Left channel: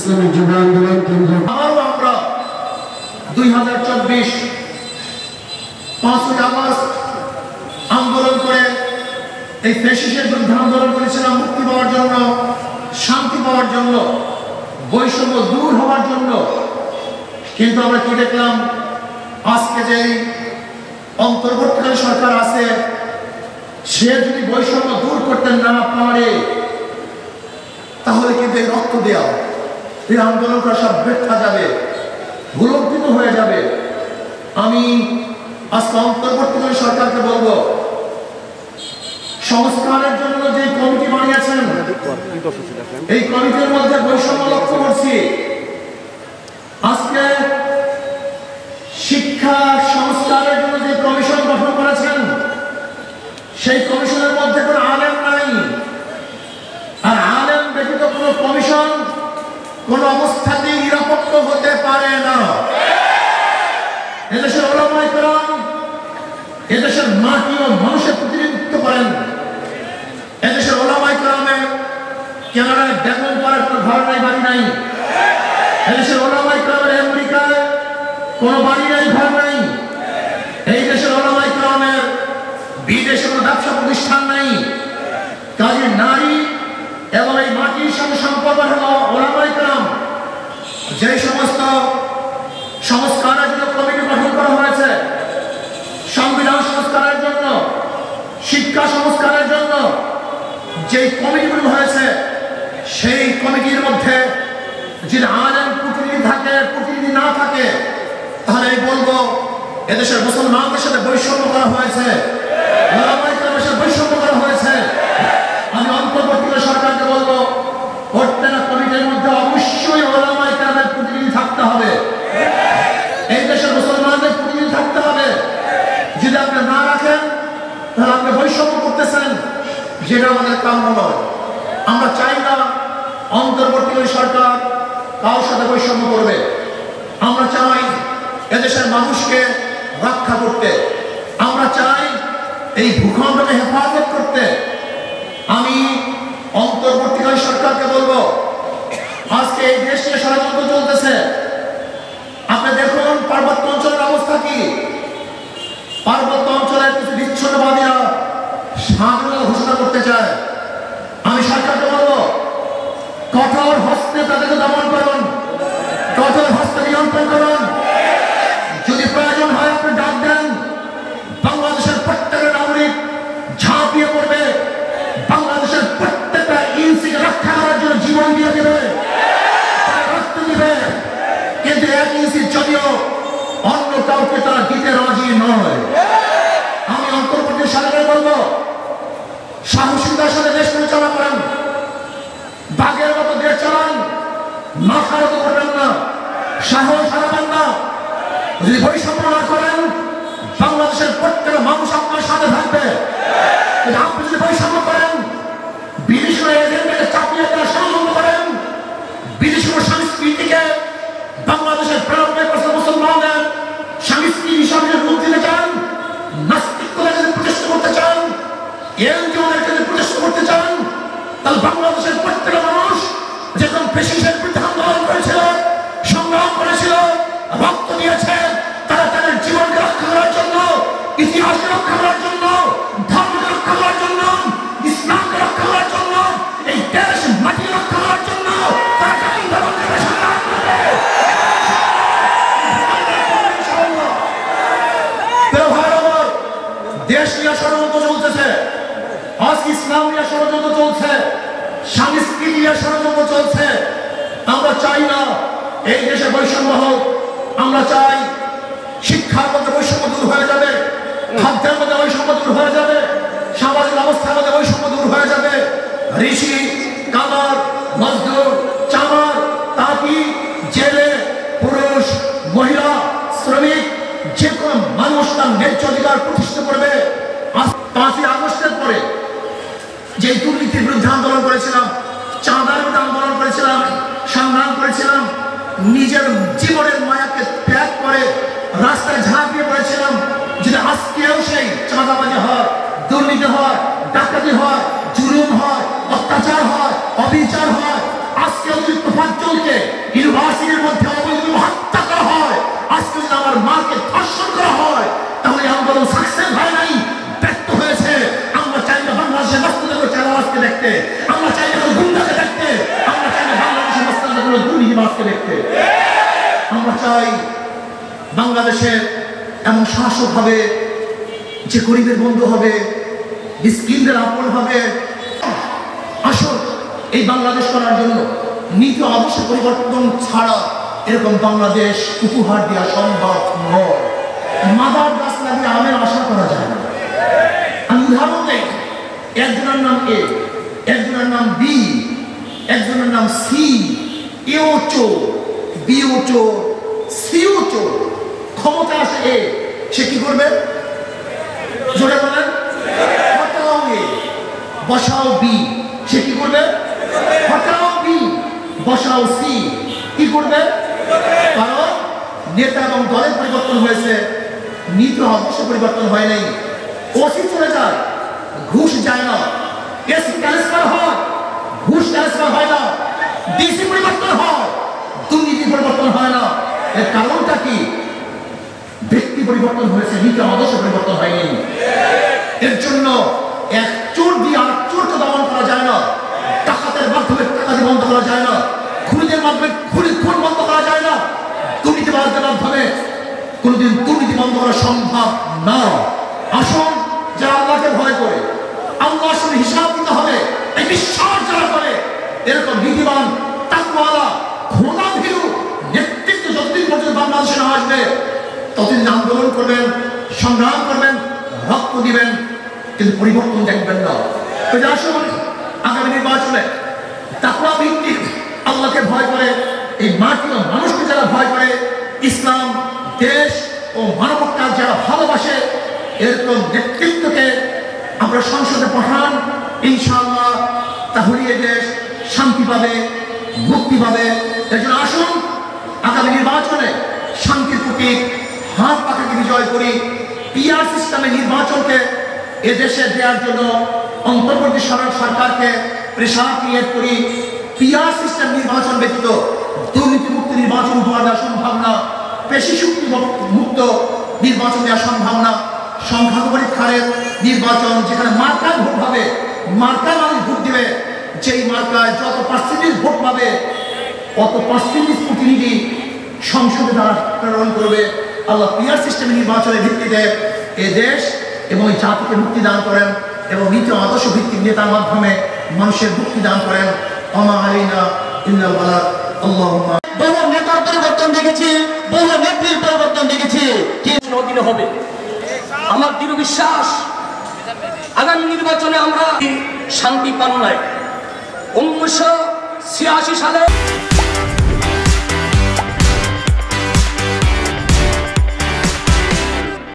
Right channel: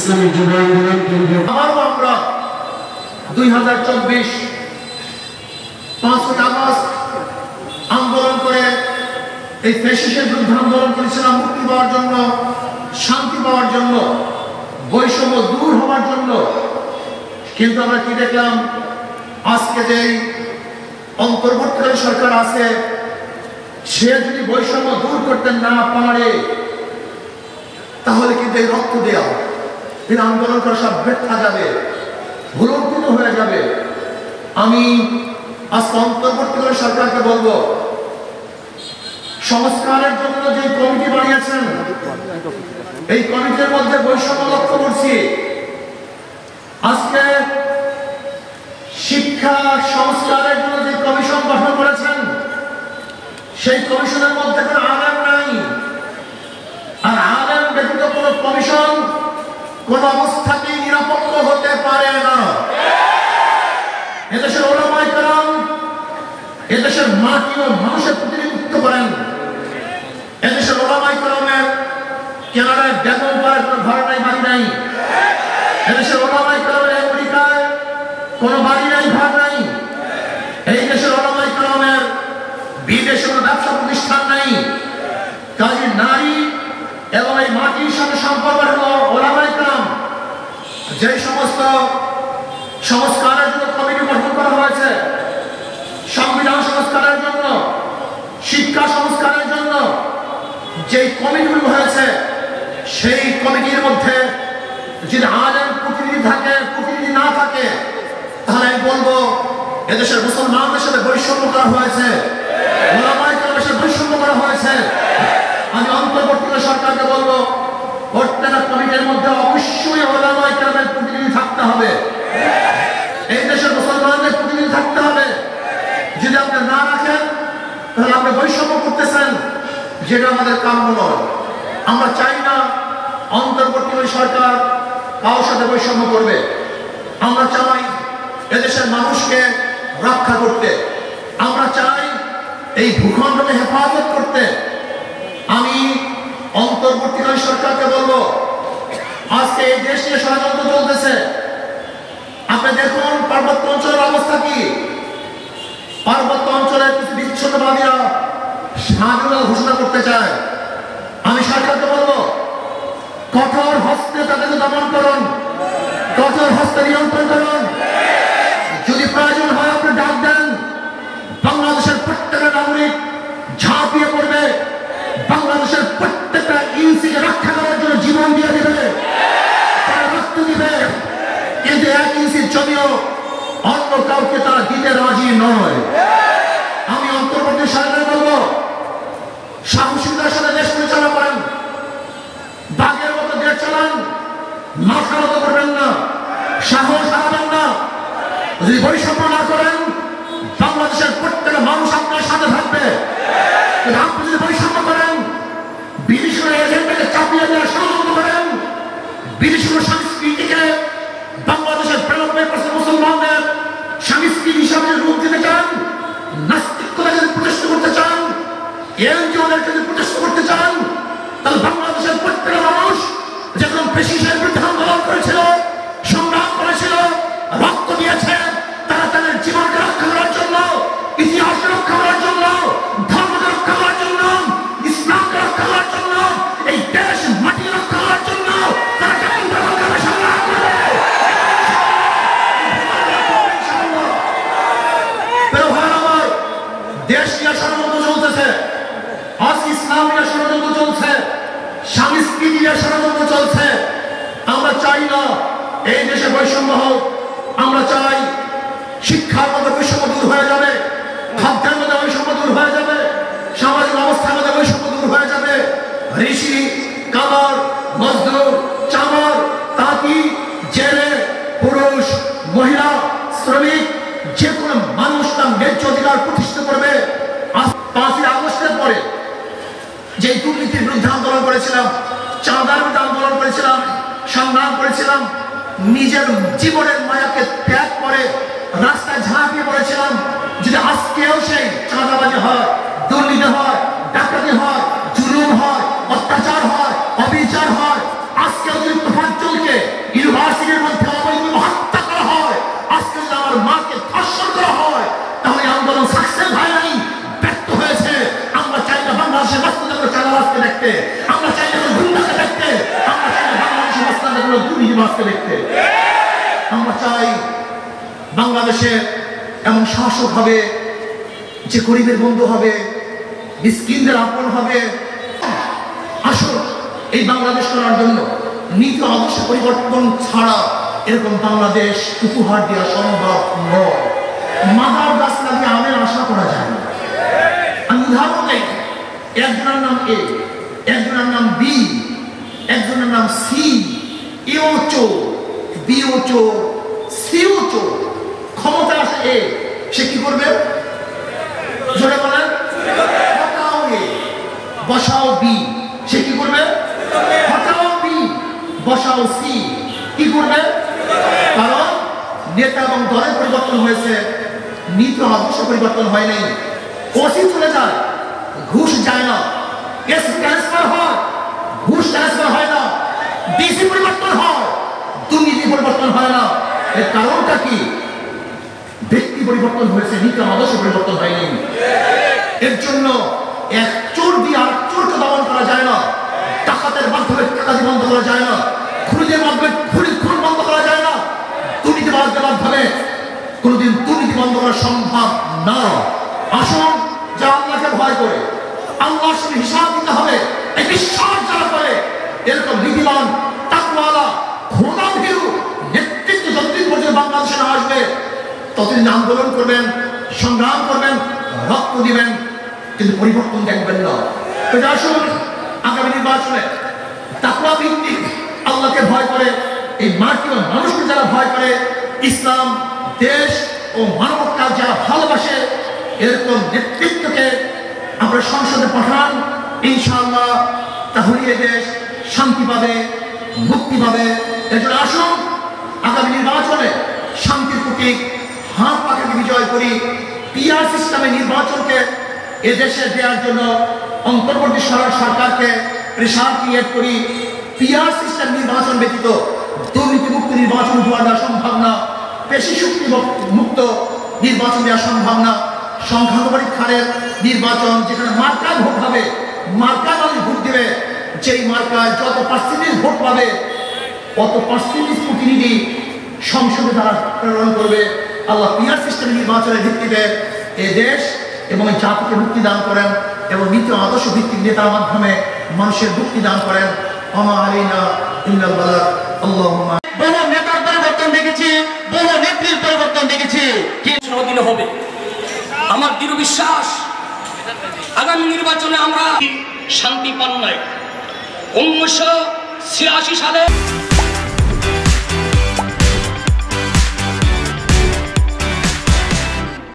ইসলামী যুব আন্দোলন কেন্দ্র আবারও আমরা 2024 5ই আগস্ট আন্দোলন করে এই ফ্যাসিস্টের বিরুদ্ধে আন্দোলন করেছিলাম মুক্তি পাওয়ার জন্য, শান্তি পাওয়ার জন্য, বৈষম্য দূর হওয়ার জন্য। কিন্তু আমরা কি দেখলাম, আজকে যে অন্তর্বর্তীকালীন সরকার আছে, সে যদি বৈষম্য দূর করতে না পারে তাহলে কিন্তু এই রক্ত দেওয়া, এই আন্দোলন করা সব ব্যর্থ যাবে, ভুলণ্ঠিত হয়ে যাবে। আমি আজকে অন্তর্বর্তীকালীন সরকারকে বলবো, সংস্কারের জন্য যে কমিটি বানিয়েছেন, এই কমিটির মধ্যে বৈষম্য লক্ষ্য করছি। আজকে শিক্ষা সংস্কারের জন্য যে কমিশন গঠন করেছেন, সেই কমিশনের মধ্যে কোনো আলেম নাই। আর আলেম ব্যতীত কোনো কমিশন কোন অবস্থাতেই নিরপেক্ষ হতে পারে না। এদেশের ওলামায়ে কেরাম এদেশের মাটি ও মানুষের প্রতিনিধিত্ব করেন। এদেশের ওলামায়ে কেরামের কানাডায় বেতন পাওয়ার কোনো ঘর নাই, বাড়ি নাই। এদেশের ওলামায়ে কেরামের আমেরিকায় কোনো বাড়ি নাই, ঘর নাই। এই দেশের ওলামায়ে কেরামের বিদেশে কোনো ব্যবসা প্রতিষ্ঠান নাই। কাজে নারী এবং এই মাটির সঙ্গে সম্পর্ক হলো ওলামায়ে কেরাম। যে সমস্ত সংস্কারের জন্য কমিটি গঠন করা হয়েছে, সংবিধান সংস্কারের জন্য, শিক্ষা সংস্কারের জন্য যে কমিটিগুলো হয়েছে, সেই কমিটির মধ্যে যদি আলেম প্রতিনিধি থাকে, প্রতিনিধি না থাকে, তাহলে আমি বলবো এদেশের মুসলমানদের সাথে বৈষম্য করা হয়েছে, ওলামায়ে কেরামের সাথে বৈষম্য করা হয়েছে। আমি অন্তর্বর্তীকালীন সরকারকে বলবো, প্রত্যেকটা কমিটির মধ্যে অবশ্যই ওলামায়ে কেরামের প্রতিনিধি থাকতে হবে, এই দেশের মুসলমানদের প্রতিনিধি থাকতে হবে। যদি আপনি না রাখেন তাহলে আপনি বৈষম্য করতেছেন, যেটা আমাদের কাম্য নয়। আমরা চাই না অন্তর্বর্তীকালীন সরকার কারোর সাথে বৈষম্য করবে। আমরা চাই এদেশের মানুষকে রক্ষা করতে, আমরা চাই এই ভূখণ্ডকে হেফাজত করতে। আমি অন্তর্বর্তীকালীন সরকারকে বলবো, আজকে এই দেশ নিয়ে ষড়যন্ত্র চলতেছে। আপনি দেখুন পার্বত্য অঞ্চলের অবস্থা কি। পার্বত্য অঞ্চলের কিছু বিচ্ছিন্নবাদীরা স্বাধীনতা ঘোষণা করতে চায়। আমি সরকারকে বলবো, কঠোর হস্তে তাদেরকে দমন করুন, কঠোর হস্তে নিয়ন্ত্রণ করুন। যদি প্রয়োজন হয় আপনি ডাক দেন, বাংলাদেশের প্রত্যেকটা নাগরিক ঝাঁপিয়ে পড়বে, বাংলাদেশের প্রত্যেকটা ইঞ্চিকে রক্ষা করার জন্য জীবন দিয়ে দেবে, রক্ত দিবে। কিন্তু এক ইঞ্চির যদিও অন্য কাউকে তারা দিতে রাজি নয়। আমি অন্তর্বর্তী সরকার বলবো, সাহসিকতার সাথে দেশ পরিচালনা করেন, বাঘের মতো দেশ চালান, মাথা মতো করবেন না, সাহস হারাবেন না। যদি বৈষম্য না করেন, বাংলাদেশের প্রত্যেকটা মানুষ আপনার সাথে থাকবে। কিন্তু আপনি যদি বৈষম্য করেন, বিদেশি এজেন্টকে চাপিয়ে দেওয়া ষড়যন্ত্র করেন, বিদেশি সংস্কৃতিকে বাংলাদেশের 92% মুসলমানদের সংস্কৃতি হিসাবে রূপ দিতে চান, নাস্তিকতাকে যদি প্রতিষ্ঠা করতে চান, এনজিওদেরকে যদি প্রতিষ্ঠা করতে চান, তাহলে বাংলাদেশের প্রত্যেকটা মানুষ যখন ফ্যাসিস্টের বিরুদ্ধে আন্দোলন করেছিল, সংগ্রাম করেছিল, রক্ত দিয়েছে, তারা তাদের জীবনকে রক্ষা করার জন্য, ইতিহাসকে রক্ষা করার জন্য, ধর্মকে রক্ষা করার জন্য, ইসলামকে রক্ষা করার জন্য, এই দেশ মাটি রক্ষা করার জন্য তারা আন্দোলন করে সংগ্রাম করে। দেশ নিয়ে ষড়যন্ত্র চলতেছে, আজ ইসলাম নিয়ে ষড়যন্ত্র চলছে, সংস্কৃতি নিয়ে ষড়যন্ত্র চলছে। আমরা চাই না এই দেশে বৈষম্য হোক। আমরা চাই শিক্ষার মধ্যে বৈষম্য দূর হয়ে যাবে, খাদ্যের মধ্যে বৈষম্য দূর হয়ে যাবে, সামাজিক অবস্থার মধ্যে বৈষম্য দূর হয়ে যাবে। ঋষি, কামার, মজদুর, চামার, তাঁতি, জেলে, পুরুষ, মহিলা, শ্রমিক, যে কোনো মানুষ তার ন্যায্য অধিকার প্রতিষ্ঠা করবে। আজ 5ই আগস্টের পরে যে দুর্নীতির বিরুদ্ধে আন্দোলন করেছিলাম, চাঁদার বিরুদ্ধে আন্দোলন করেছিলাম, সংগ্রাম করেছিলাম, নিজের জীবনের মায়াকে ত্যাগ করে রাস্তায় ঝাঁপিয়ে পড়েছিলাম। যদি আজকেও সেই চাঁদাবাজি হয়, দুর্নীতি হয়, ডাকাতি হয়, জুলুম হয়, অত্যাচার হয়, অবিচার হয়, আজকেও যদি তোফাজ্জলকে পরিবর্তন সাকসেস হয় নাই, ব্যর্থ হয়েছে। আমরা চাই না বাংলাদেশের বাস্তবতা চালাবাজকে দেখতে, আমরা চাই না গুন্ডাকে দেখতে, আমরা চাই না বাংলাদেশের বাস্তবতাগুলো দুর্নীতিবাজকে দেখতে। আমরা চাই বাংলাদেশে এমন শাসক হবে যে গরিবের বন্ধু হবে, মিসকিনদের আপন হবে। আসল এই বাংলাদেশ করার জন্য নীতি আদর্শ পরিবর্তন ছাড়া এরকম বাংলাদেশ উপহার দেওয়া সম্ভব নয়। মাদার গাছ লাগিয়ে আমের আশা করা যায় না। আমি উদাহরণ দেই, একজনের নাম এ, একজনের নাম বি, একজনের নাম সি। এও চোর, বিও চোর, সিও চোর। ক্ষমতা আছে এ, সে কি করবে? জোরে বলেন। হটাও এ, বসাও বি, সে কি করবে? হটাও বি, বসাও সি, কি করবে? কারণ নেতা এবং দলের পরিবর্তন হয়েছে, নীতি আদর্শ পরিবর্তন হয় নাই। ওসি চলে যায়, ঘুষ যায় না। এসপি ট্রান্সফার হয়, ঘুষ ট্রান্সফার হয় না। ডিসি পরিবর্তন হয়, দুর্নীতি পরিবর্তন হয় না। এর কারণটা কি? ব্যক্তি পরিবর্তন হয়েছে, নীতি আদর্শ পরিবর্তন হয়নি। এর জন্য এক চোর দিয়ে আর চোরকে দমন করা যায় না, ডাকাতের মাধ্যমে ডাকাতি বন্ধ করা যায় না, খুনিদের মাধ্যমে খুন বন্ধ করা যায় না, দুর্নীতিবাজদের মাধ্যমে কোনোদিন দুর্নীতি বন্ধ করা সম্ভব না। আসুন, যারা আল্লাহকে ভয় করে, আল্লাহর সঙ্গে হিসাব দিতে হবে, এই বিশ্বাস যারা করে, এরকম নীতিবান তাকওয়ালা খোদা ভীরু নেতৃত্ব যতদিন পর্যন্ত বাংলাদেশে না আসবে ততদিন আন্দোলন করবেন, সংগ্রাম করবেন, রক্ত দিবেন, কিন্তু পরিবর্তন দেখবেন না। তো আসুন, আগামী নির্বাচনে তাকওয়া ভিত্তিক আল্লাহকে ভয় করে, এই মাটি ও মানুষকে যারা ভয় করে, ইসলাম, দেশ ও মানবতা যারা ভালোবাসে, এরকম নেতৃত্বকে আমরা সংসদে পাঠান। ইনশাআল্লাহ তাহলে এ দেশ শান্তি পাবে, মুক্তি পাবে। এজন্য আসুন, আগামী নির্বাচনে শান্তির প্রতীক হাত পাখাকে বিজয় করি। পিআর সিস্টেমে নির্বাচনকে এদেশে দেওয়ার জন্য অন্তর্বর্তী সরকারকে প্রেসার ক্রিয়েট করি। পিআর সিস্টেম নির্বাচন ব্যতীত দুর্নীতি মুক্ত নির্বাচন উপহার দেওয়া সম্ভব না, পেশি শক্তি মুক্ত নির্বাচন দেওয়া সম্ভব না। সংখ্যালঘু পরীক্ষার নির্বাচন, যেখানে মার্কায় ভোট হবে, মার্কায় মানুষ ভোট দেবে, যেই মার্কায় যত পার্সেন্টেজ ভোট পাবে অত পার্সেন্টেজ প্রতিনিধি সংসদে তারা প্রেরণ করবে। আল্লাহ পিআর সিস্টেম নির্বাচনের ভিত্তিতে এ দেশ এবং এই জাতিকে মুক্তি দান করেন এবং নীতি আদর্শ ভিত্তিক নেতার মাধ্যমে মানুষের মুক্তি দান করেন। ওমা আলাইনা ইল্লাল বালাগ। আল্লাহুম্মা। বহু নেতার পরিবর্তন দেখেছি, বহু নেত্রীর পরিবর্তন দেখেছি, কিন্তু অধীনে হবে। আমার দৃঢ় বিশ্বাস আগামী নির্বাচনে আমরা শান্তি পান নাই। 1986 সালে